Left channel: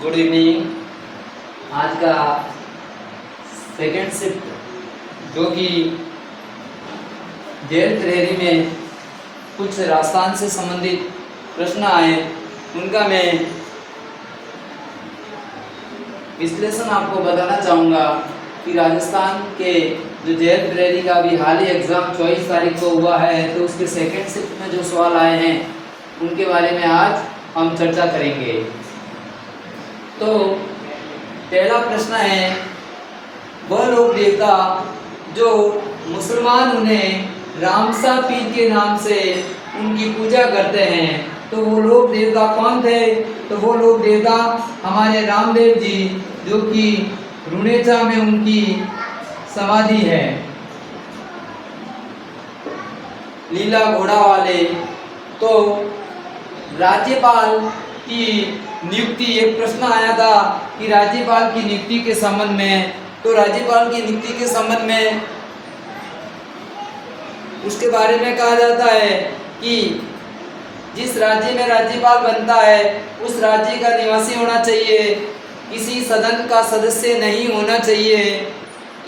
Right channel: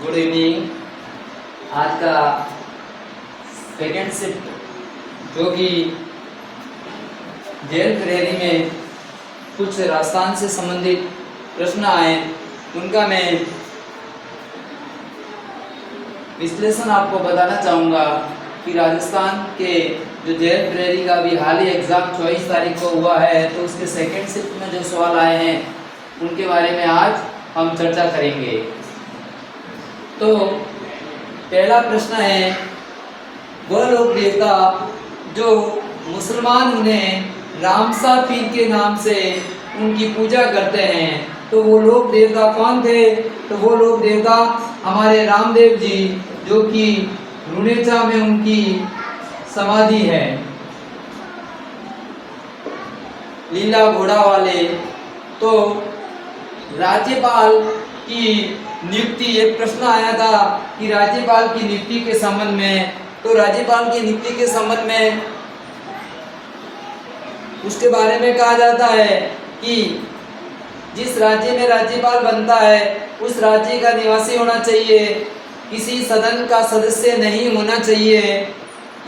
Good evening. आज का second shift जो कि जेल थ्योरी में कुछ राजस्थान से संबंधित प्रश्न आए उनका मैं विश्लेषण आपको बताना चाहूँगा कि राजस्थान के जो जेल थ्योरी का अभी हाल ही एग्ज़ाम 24 तारीख को हुआ है, तो उसके सेकेंड शिफ्ट में जो सवाल आए हैं उनके बारे में आज हम चर्चा करेंगे। तो पहला प्रश्न है, वह लोक देवता जो मुसलमान उन्हें रामसा पीर के नाम से उनकी पूजा करते हैं, तो वो लोक देवता कौन थे? तो वो लोक देवता हमारे रामदेव जी, जो कि रुनेचा में उनकी समाधि है। लीला घोड़ा वाले। तो राज्यपाल की नियुक्ति, एक प्रश्न आया था कि राज्यपाल की नियुक्ति के संबंध में, तो राज्यपाल की नियुक्ति के संबंध में उसके बारे में कहा जाता है कि जिस राज्य में राज्यपाल बनता है उस राज्य का निवासी होना चाहिए, किसी सदन का सदस्य नहीं होना चाहिए,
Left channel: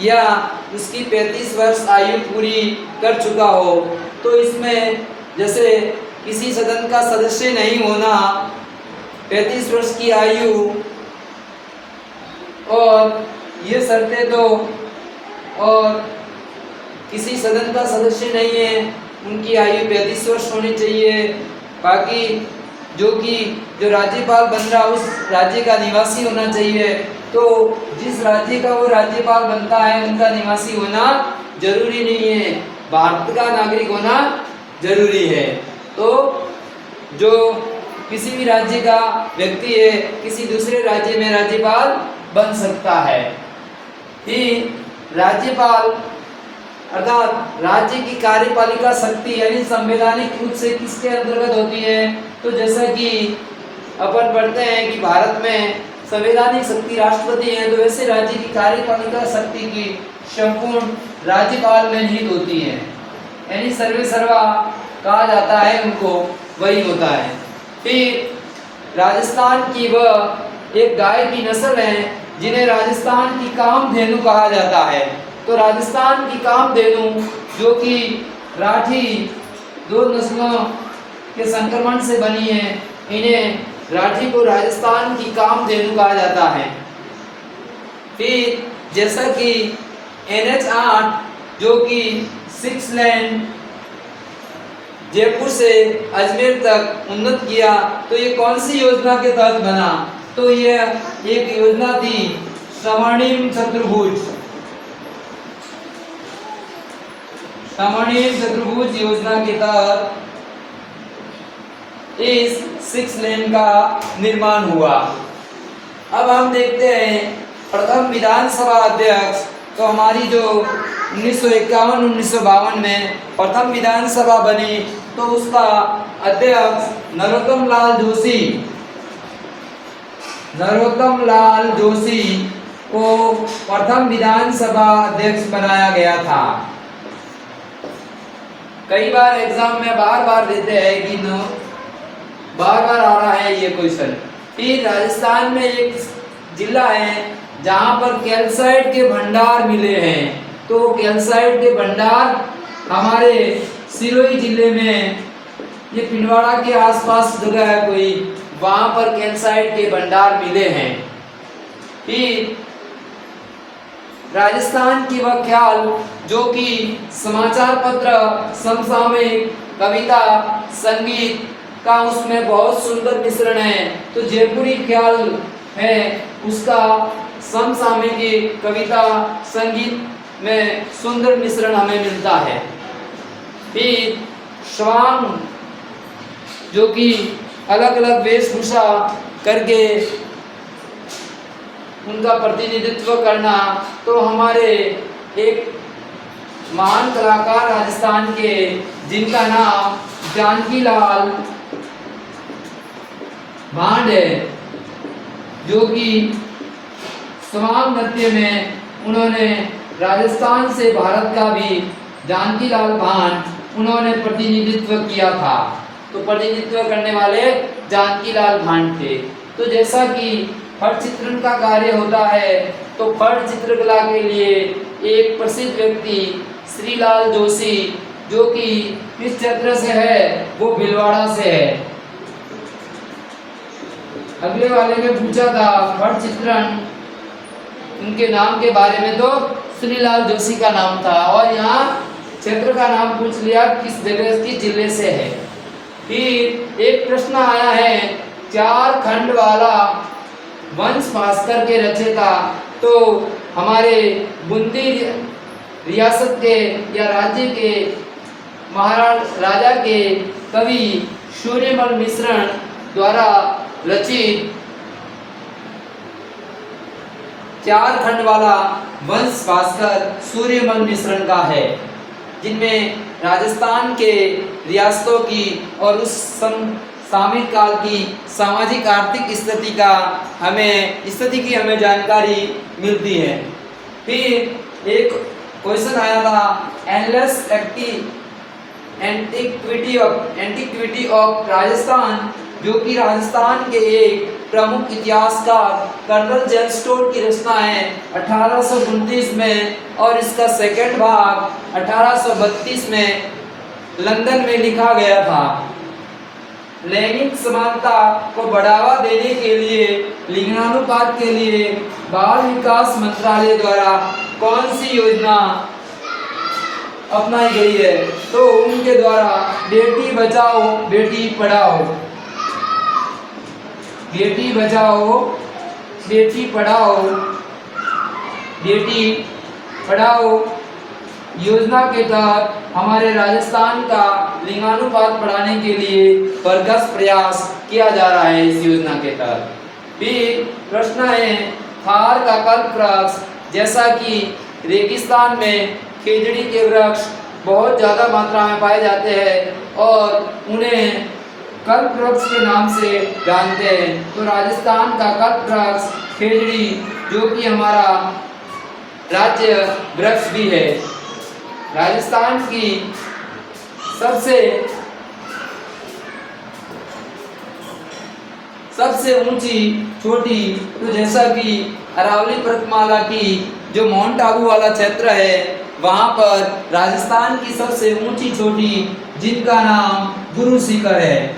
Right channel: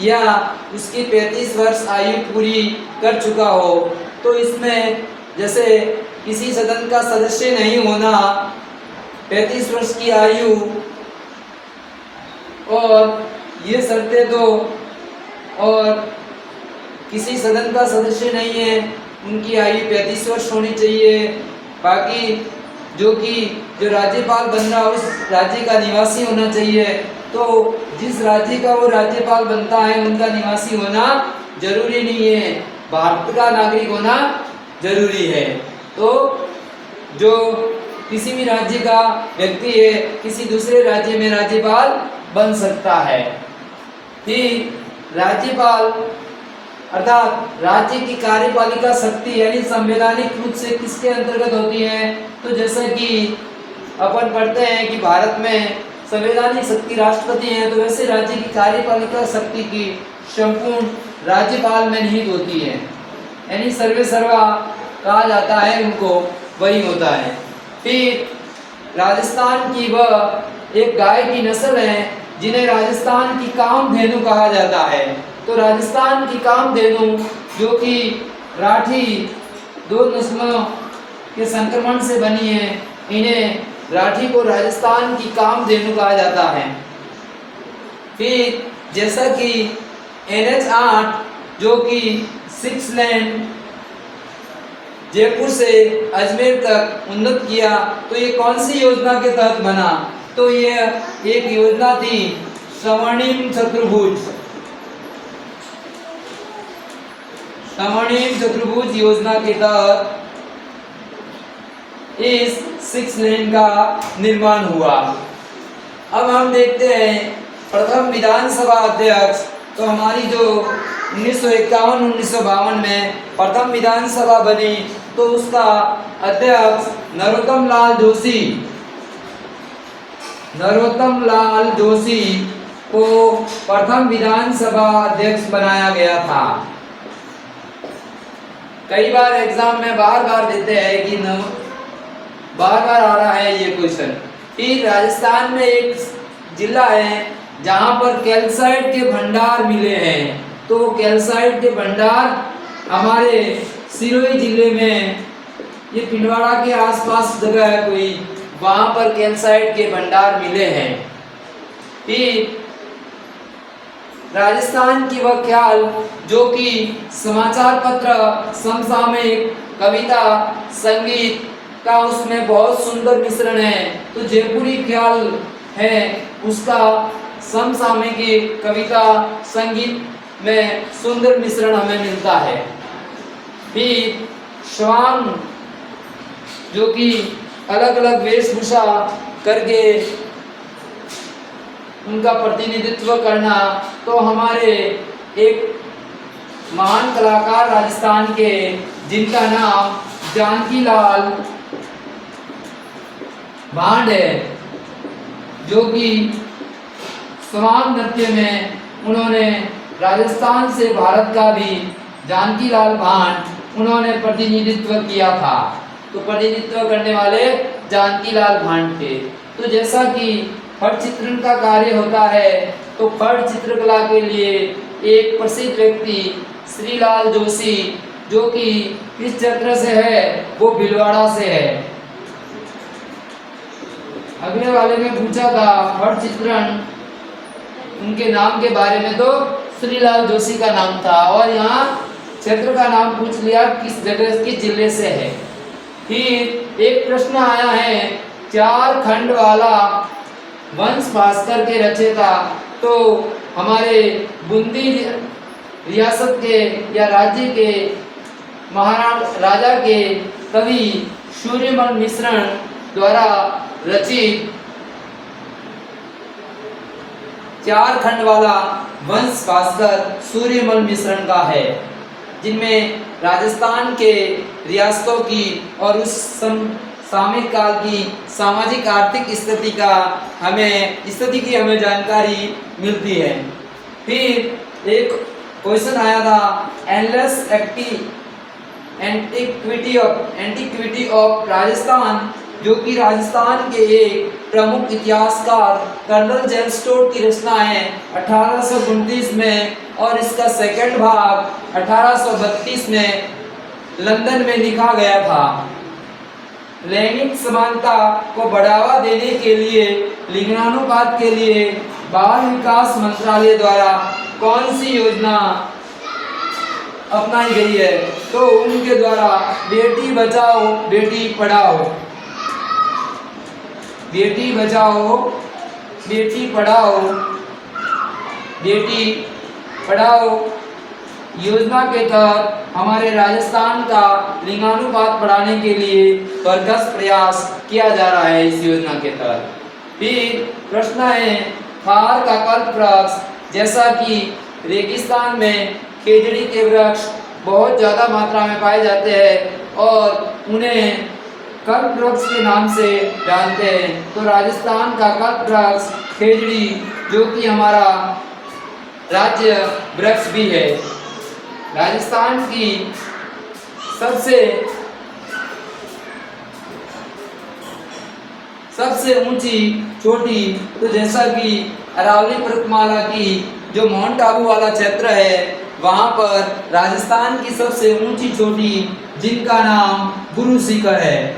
या उसकी 35 वर्ष आयु पूरी कर चुका हो। तो इसमें जैसे किसी सदन का सदस्य नहीं होना, 35 वर्ष की आयु, और ये शर्तें दो, और किसी सदन का सदस्य नहीं है उनकी आयु 35 वर्ष होनी चाहिए। बाकी जो राज्यपाल बन रहा उस राज्य का निवासी होना चाहिए। तो जिस राज्य का वो राज्यपाल बनता है उनका निवासी होना जरूरी नहीं है, भारत का नागरिक होना जरूरी है। तो जो किसी भी राज्य का व्यक्ति है किसी दूसरे राज्य में राज्यपाल बन सकता है। फिर राज्यपाल अर्थात राज्य की कार्यपालिका शक्ति यानी संवैधानिक रूप से किसके अंतर्गत होती है? तो जैसा कि अपन पढ़ते हैं कि भारत में संवैधानिक शक्ति राष्ट्रपति है, तो वैसे राज्य की कार्यपालिका शक्ति की संपूर्ण राज्यपाल में निहित होती है, यानी सर्वे सर्वा कहा जाता है उनको, वही होता है। फिर राजस्थान की वह एक गाय की नस्ल है जिन्हें राजस्थान की कामधेनु कहा जाता है। तो राजस्थान की कामधेनु जो कि राठी दो नस्लों के संक्रमण से बनी है, इन्हें राठी को राजस्थान की कामधेनु कहा जाता है। फिर जैसा कि NH8 जो कि 6 लेन जयपुर से अजमेर तक उन्नत किया, तो ये कौन सी योजना के तहत बना? तो ये एक योजना थी स्वर्णिम चतुर्भुज योजना के तहत इस 6 लेन का निर्माण हुआ। अब हम देखते हैं प्रथम विधानसभा अध्यक्ष। तो हमारी जो 1951-1952 में प्रथम विधानसभा बनी, तो उसका अध्यक्ष नरोत्तम लाल जोशी को प्रथम विधानसभा अध्यक्ष बनाया गया था। कई बार एग्जाम में बार देते हैं कि बार आ रहा है ये क्वेश्चन। फिर राजस्थान में एक जिला है जहां पर कैल्साइट के भंडार मिले हैं, तो वो कैल्साइट के भंडार हमारे सिरोही जिले में, ये पिंडवाड़ा के आसपास जगह है कोई, वहां पर कैल्साइट के भंडार मिले हैं। फिर राजस्थान की वह ख्याल जो कि समाचार पत्र, समसामयिक, कविता, संगीत का उसमें बहुत सुंदर मिश्रण है, तो जयपुरी ख्याल है उसका समसामयिक, कविता, संगीत में सुंदर मिश्रण हमें मिलता है। फिर स्वांग जो कि अलग अलग वेशभूषा करके उनका प्रतिनिधित्व करना, तो हमारे एक महान कलाकार राजस्थान के जिनका नाम जानकी लाल भांड है, जो कि स्वांग नृत्य में उन्होंने राजस्थान से भारत का भी जानकी लाल भांड उन्होंने प्रतिनिधित्व किया था। तो प्रतिनिधित्व करने वाले जानकी लाल भांड थे। तो जैसा कि फट चित्रण का कार्य होता है, तो फट चित्रकला के लिए एक प्रसिद्ध व्यक्ति श्रीलाल जोशी, जो कि किस क्षेत्र से है, वो भीलवाड़ा से है। अगले वाले में पूछा था फट चित्रण, उनके नाम के बारे में, तो श्रीलाल जोशी का नाम था, और यहाँ क्षेत्र का नाम पूछ लिया किस जगह, किस जिले से है। फिर एक प्रश्न आया है, 4 खंड वाला वंश भास्कर के रचयिता, तो हमारे बूंदी रियासत के या राज्य के महाराजा के कवि सूर्यमल मिश्रण द्वारा रचित 4 खंड वाला वंश भास्कर सूर्यमल मिश्रण का है, जिनमें राजस्थान के रियासतों की और उस सामयिक काल की सामाजिक आर्थिक स्थिति की हमें जानकारी मिलती है। फिर एक क्वेश्चन आया था, एंडलेस एंटिक्विटी ऑफ राजस्थान, जो कि राजस्थान के एक प्रमुख इतिहासकार कर्नल जेम्स स्टोर्ट की रचना है 1829 में, और इसका सेकंड भाग 1832 में लंदन में लिखा गया था। लैंगिक समानता को बढ़ावा देने के लिए लिंगानुपात के लिए बाल विकास मंत्रालय द्वारा कौन सी योजना अपनाई गई है, तो उनके द्वारा बेटी बचाओ बेटी पढ़ाओ, बेटी बचाओ बेटी पढ़ाओ, बेटी पढ़ाओ योजना के तहत हमारे राजस्थान का लिंगानुपात बढ़ाने के लिए भरसक प्रयास किया जा रहा है इस योजना के तहत। फिर प्रश्न है, थार का कल्प वृक्ष, जैसा कि रेगिस्तान में खेजड़ी के वृक्ष बहुत ज़्यादा मात्रा में पाए जाते हैं और उन्हें कल्प वृक्ष के नाम से जानते हैं, तो राजस्थान का कल्प वृक्ष खेजड़ी, जो कि हमारा राज्य वृक्ष भी है। राजस्थान की सबसे ऊंची चोटी, तो जैसा कि अरावली पर्वतमाला की जो माउंट आबू वाला क्षेत्र है, वहां पर राजस्थान की सबसे ऊंची चोटी, जिनका नाम गुरु शिखर है,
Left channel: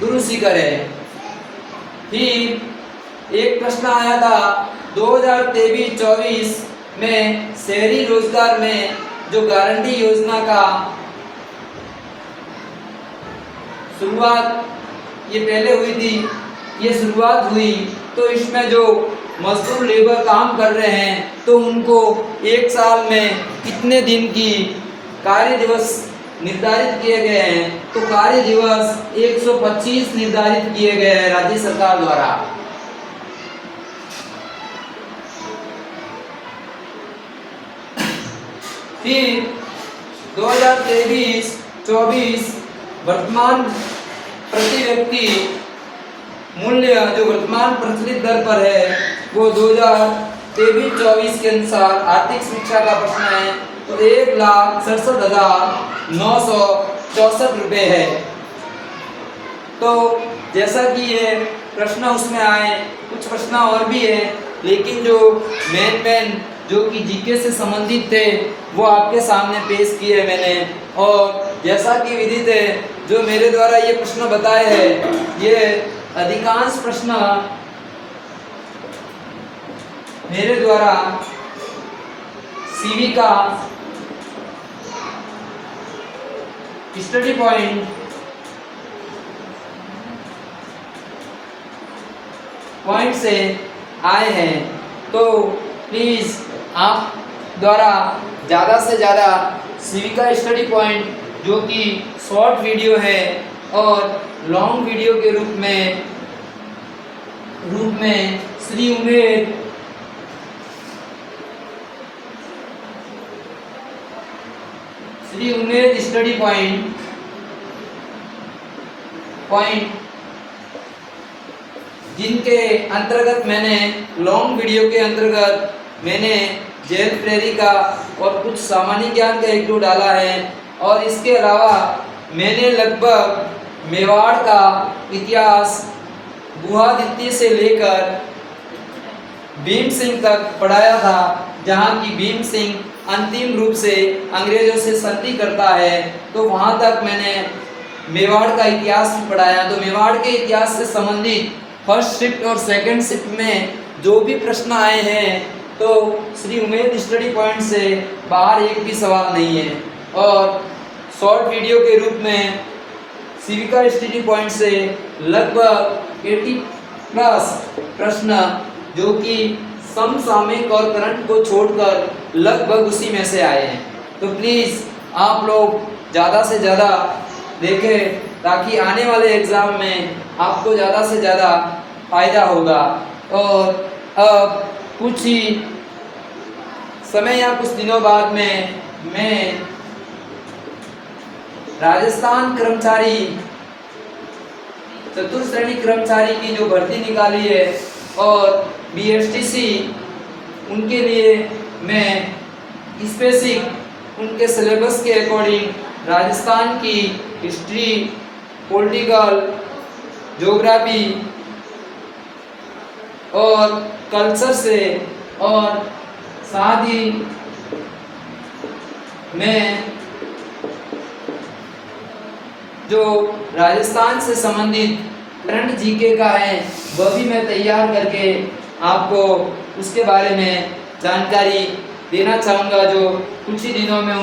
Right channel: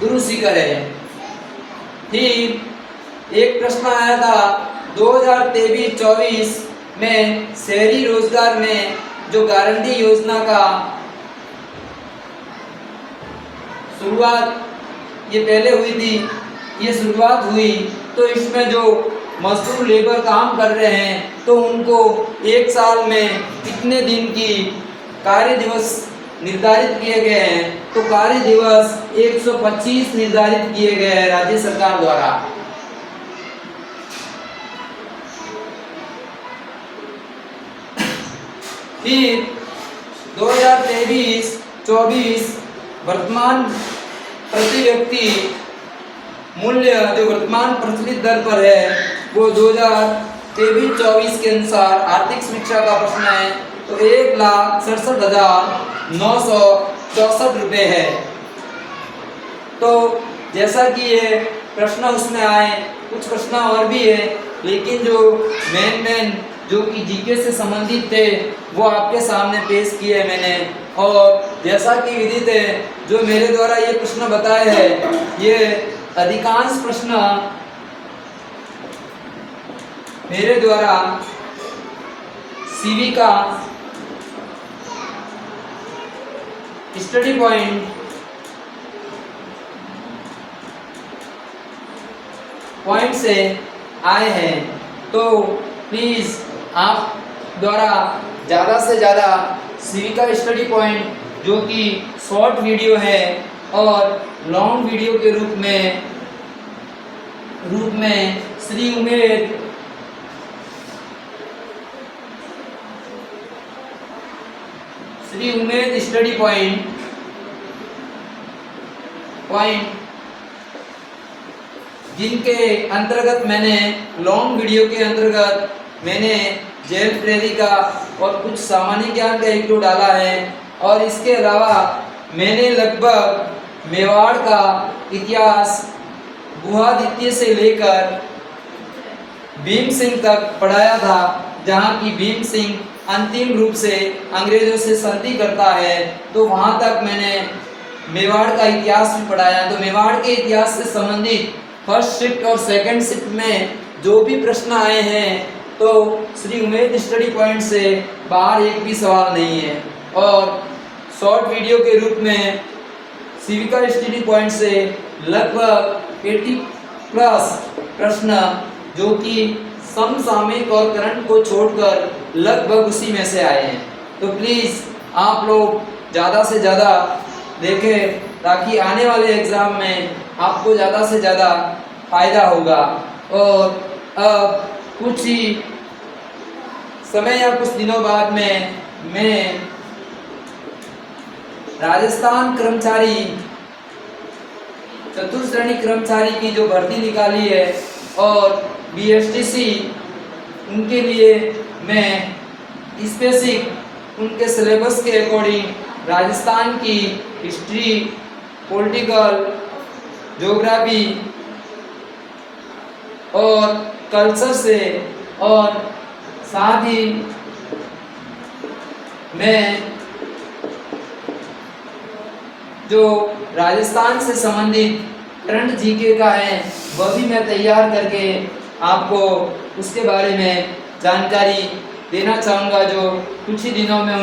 गुरु शिखर है। फिर एक प्रश्न आया था 2023-24 में शहरी रोजगार में जो गारंटी योजना का शुरुआत ये पहले हुई थी, ये शुरुआत हुई, तो इसमें जो मजदूर लेबर काम कर रहे हैं, तो उनको एक साल में कितने दिन की कार्य दिवस निर्धारित किए गए हैं, तो कार्य दिवस 125 निर्धारित किए गए हैं राज्य सरकार द्वारा। फिर 2023-24 वर्तमान प्रति व्यक्ति मूल्य जो वर्तमान प्रचलित दर पर है, वो 2023-24 के अनुसार आर्थिक समीक्षा का प्रश्न है, तो 1,67,964 रुपये है। तो जैसा कि ये प्रश्न उसमें आए, कुछ प्रश्न और भी है, लेकिन जो मेन जो कि जीके से संबंधित थे वो आपके सामने पेश किए मैंने। और जैसा कि विदित है, जो मेरे द्वारा ये प्रश्न बताए हैं, ये अधिकांश प्रश्न मेरे द्वारा सीवी का स्टडी पॉइंट से आए हैं। तो प्लीज़ आप द्वारा ज़्यादा से ज़्यादा सीवी का स्टडी पॉइंट, जो कि शॉर्ट वीडियो है और लॉन्ग वीडियो के रूप में श्री उमेद स्टडी पॉइंट जिनके अंतर्गत मैंने लॉन्ग वीडियो के अंतर्गत मैंने जेल प्रेरी का और कुछ सामान्य ज्ञान का एक डाला है, और इसके अलावा मैंने लगभग मेवाड़ का इतिहास गुहादित्य से लेकर भीम सिंह तक पढ़ाया था, जहाँ की भीम सिंह अंतिम रूप से अंग्रेजों से संधि करता है। तो वहाँ तक मैंने मेवाड़ का इतिहास भी पढ़ाया। तो मेवाड़ के इतिहास से संबंधित फर्स्ट शिफ्ट और सेकंड शिफ्ट में जो भी प्रश्न आए हैं तो श्री उमेद स्टडी पॉइंट से बाहर एक भी सवाल नहीं है। और शॉर्ट वीडियो के रूप में सिविका स्टडी पॉइंट से लगभग 80 प्लस प्रश्न जो कि समसामयिक और करंट को छोड़कर लगभग उसी में से आए हैं। तो प्लीज़ आप लोग ज़्यादा से ज़्यादा देखें, ताकि आने वाले एग्ज़ाम में आपको ज़्यादा से ज़्यादा फ़ायदा होगा। और अब कुछ ही समय या कुछ दिनों बाद में मैं राजस्थान कर्मचारी चतुर्थ श्रेणी कर्मचारी की जो भर्ती निकाली है और BSTC उनके लिए मैं स्पेसिफिक उनके सिलेबस के अकॉर्डिंग राजस्थान की हिस्ट्री, पॉलिटिकल, ज्योग्राफी और कल्चर से और साथ ही मैं जो राजस्थान से संबंधित करंट जीके का है वह भी मैं तैयार करके आपको उसके बारे में जानकारी देना चाहूँगा, जो कुछ ही दिनों में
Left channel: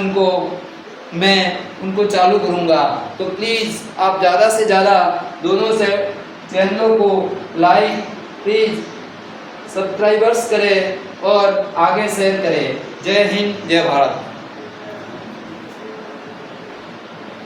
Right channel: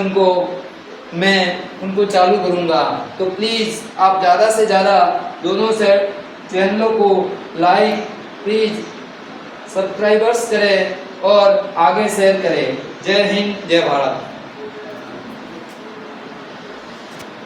उनको चालू करूँगा। तो प्लीज़ आप ज़्यादा से ज़्यादा दोनों से चैनलों को लाइक, प्लीज़ सब्सक्राइबर्स करें और आगे शेयर करें। जय हिंद, जय भारत।